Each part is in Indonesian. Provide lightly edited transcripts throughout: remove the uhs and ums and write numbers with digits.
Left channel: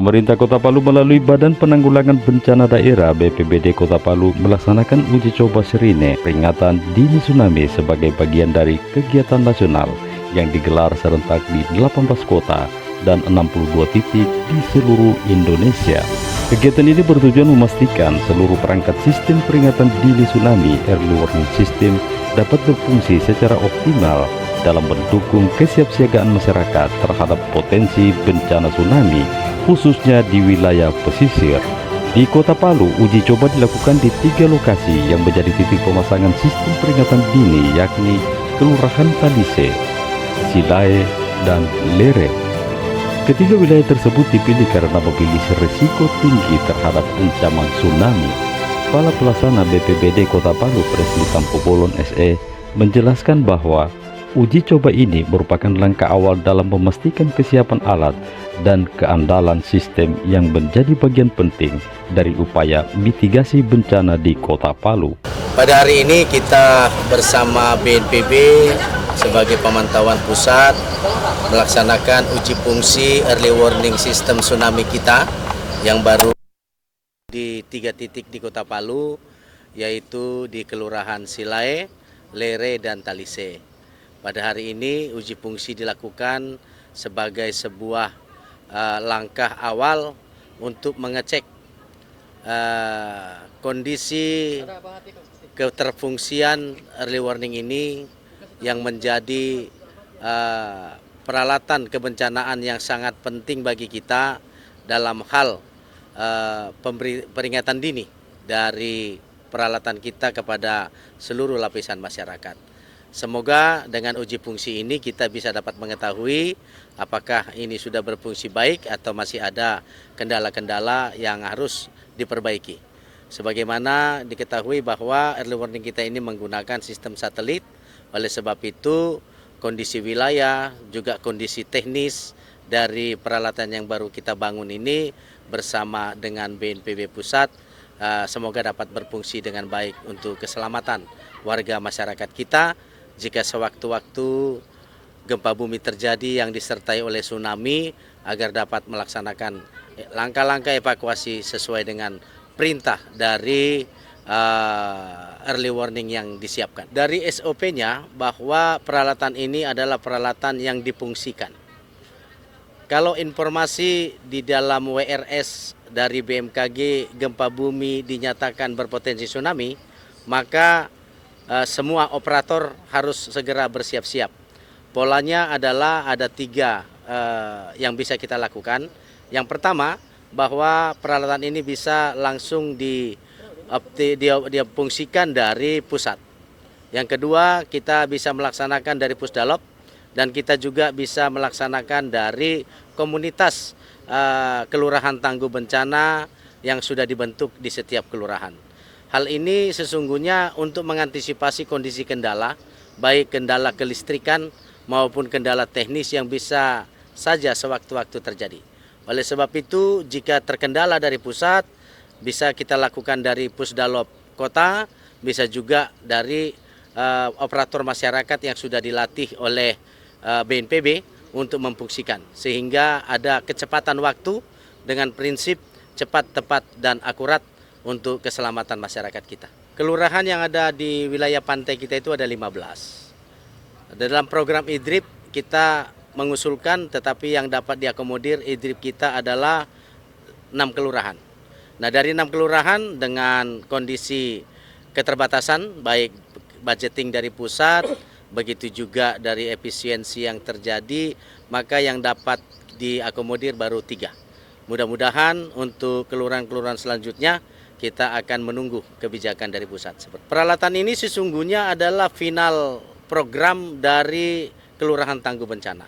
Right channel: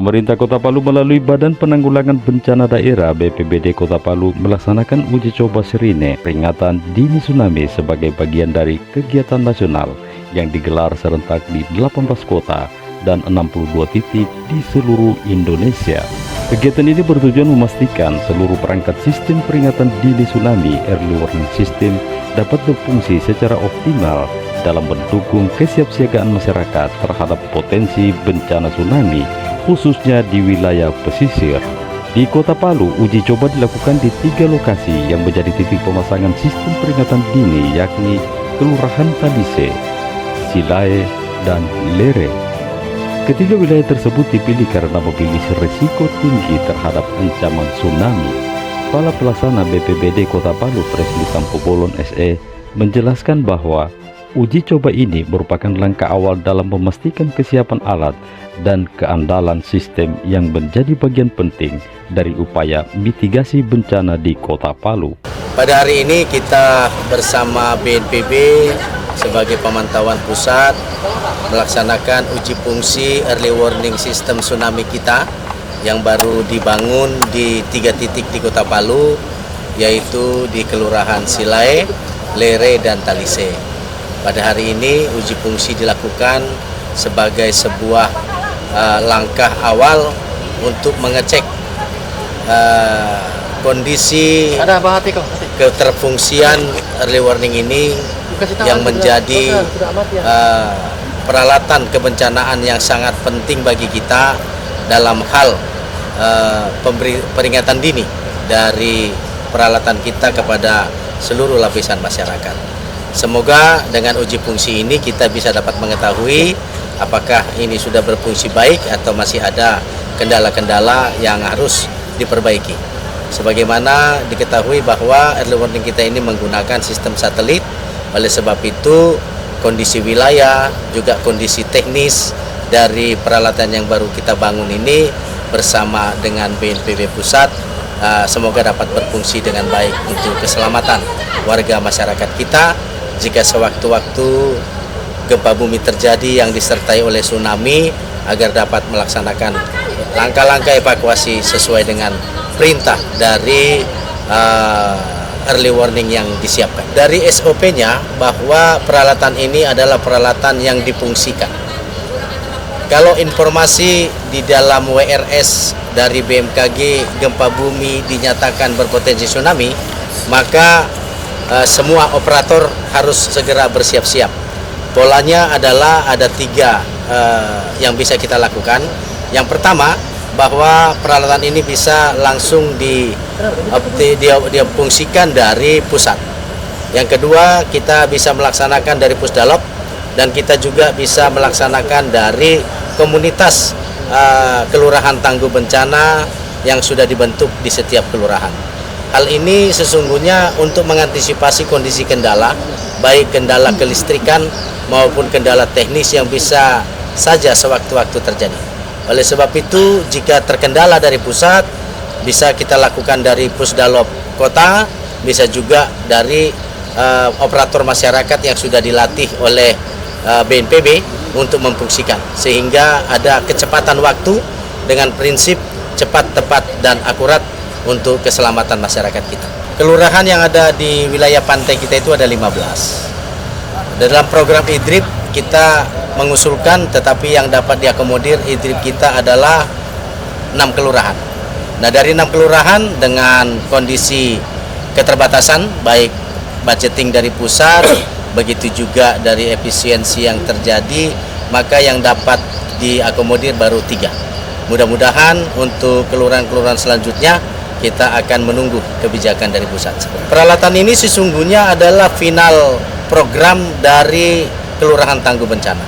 Pemerintah Kota Palu melalui Badan Penanggulangan Bencana Daerah BPBD Kota Palu melaksanakan uji coba sirine peringatan dini tsunami sebagai bagian dari kegiatan nasional yang digelar serentak di 18 kota dan 62 titik di seluruh Indonesia. Kegiatan ini bertujuan memastikan seluruh perangkat sistem peringatan dini tsunami early warning system dapat berfungsi secara optimal dalam mendukung kesiapsiagaan masyarakat terhadap potensi bencana tsunami, khususnya di wilayah pesisir. Di Kota Palu, uji coba dilakukan di 3 lokasi yang menjadi titik pemasangan sistem peringatan dini, yakni Kelurahan Talise, Silae, dan Lere. Ketiga wilayah tersebut dipilih karena memiliki risiko tinggi terhadap ancaman tsunami. Kepala Pelaksana BPBD Kota Palu, Presli Tampu Bolon SE, menjelaskan bahwa uji coba ini merupakan langkah awal dalam memastikan kesiapan alat dan keandalan sistem yang menjadi bagian penting dari upaya mitigasi bencana di Kota Palu. Pada hari ini kita bersama BNPB sebagai pemantauan pusat melaksanakan uji fungsi early warning system tsunami kita yang baru dibangun di 3 titik di Kota Palu, yaitu di Kelurahan Silae, Lere, dan Talise. Pada hari ini uji fungsi dilakukan sebagai sebuah langkah awal untuk mengecek kondisi keterfungsian early warning ini yang menjadi peralatan kebencanaan yang sangat penting bagi kita dalam hal peringatan dini dari peralatan kita kepada seluruh lapisan masyarakat. Semoga dengan uji fungsi ini kita bisa dapat mengetahui apakah ini sudah berfungsi baik atau masih ada kendala-kendala yang harus diperbaiki. Sebagaimana diketahui bahwa early warning kita ini menggunakan sistem satelit, oleh sebab itu kondisi wilayah, juga kondisi teknis dari peralatan yang baru kita bangun ini bersama dengan BNPB Pusat semoga dapat berfungsi dengan baik untuk keselamatan warga masyarakat kita jika sewaktu-waktu gempa bumi terjadi yang disertai oleh tsunami, agar dapat melaksanakan langkah-langkah evakuasi sesuai dengan perintah dari early warning yang disiapkan. Dari SOP-nya bahwa peralatan ini adalah peralatan yang difungsikan. Kalau informasi di dalam WRS dari BMKG gempa bumi dinyatakan berpotensi tsunami, maka semua operator harus segera bersiap-siap. Polanya adalah ada 3 yang bisa kita lakukan. Yang pertama, bahwa peralatan ini bisa langsung difungsikan dari pusat. Yang kedua, kita bisa melaksanakan dari Pusdalop, dan kita juga bisa melaksanakan dari komunitas kelurahan tangguh bencana yang sudah dibentuk di setiap kelurahan. Hal ini sesungguhnya untuk mengantisipasi kondisi kendala, baik kendala kelistrikan maupun kendala teknis yang bisa saja sewaktu-waktu terjadi. Oleh sebab itu, jika terkendala dari pusat, bisa kita lakukan dari Pusdalop Kota, bisa juga dari operator masyarakat yang sudah dilatih oleh BNPB untuk memfungsikan, sehingga ada kecepatan waktu dengan prinsip cepat, tepat, dan akurat untuk keselamatan masyarakat kita. Kelurahan yang ada di wilayah pantai kita itu ada 15. Dalam program IDRIP kita mengusulkan, tetapi yang dapat diakomodir IDRIP kita adalah 6 kelurahan. Nah, dari 6 kelurahan dengan kondisi keterbatasan, baik budgeting dari pusat, begitu juga dari efisiensi yang terjadi, maka yang dapat diakomodir baru 3. Mudah-mudahan untuk kelurahan-kelurahan selanjutnya kita akan menunggu kebijakan dari pusat. Peralatan ini sesungguhnya adalah final program dari Kelurahan Tangguh Bencana.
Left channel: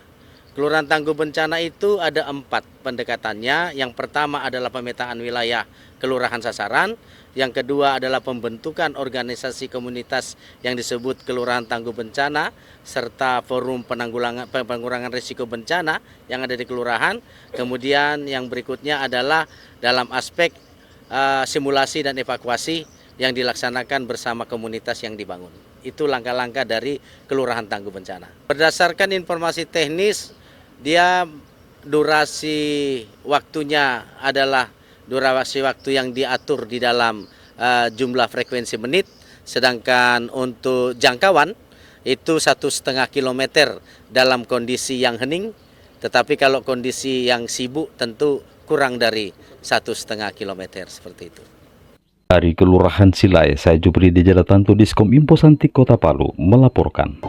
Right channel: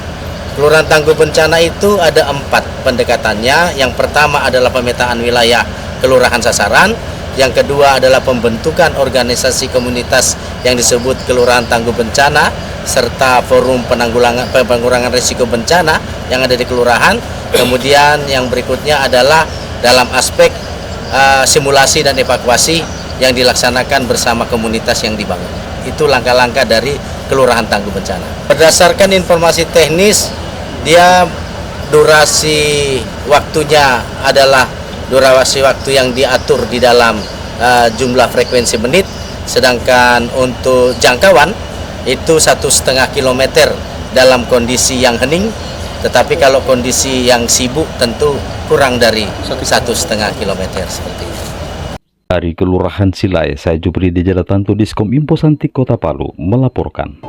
Kelurahan Tangguh Bencana itu ada 4 pendekatannya. Yang pertama adalah pemetaan wilayah kelurahan sasaran. Yang kedua adalah pembentukan organisasi komunitas yang disebut Kelurahan Tangguh Bencana, serta forum penanggulangan risiko bencana yang ada di kelurahan. Kemudian yang berikutnya adalah dalam aspek simulasi dan evakuasi yang dilaksanakan bersama komunitas yang dibangun. Itu langkah-langkah dari Kelurahan Tangguh Bencana. Berdasarkan informasi teknis, dia durasi waktunya adalah durasi waktu yang diatur di dalam jumlah frekuensi menit, sedangkan untuk jangkauan itu 1,5 kilometer dalam kondisi yang hening, tetapi kalau kondisi yang sibuk tentu kurang dari 1,5 kilometer seperti itu. Dari Kelurahan Silai, saya Jupri di Jalatantu Diskom Info Santi Kota Palu melaporkan.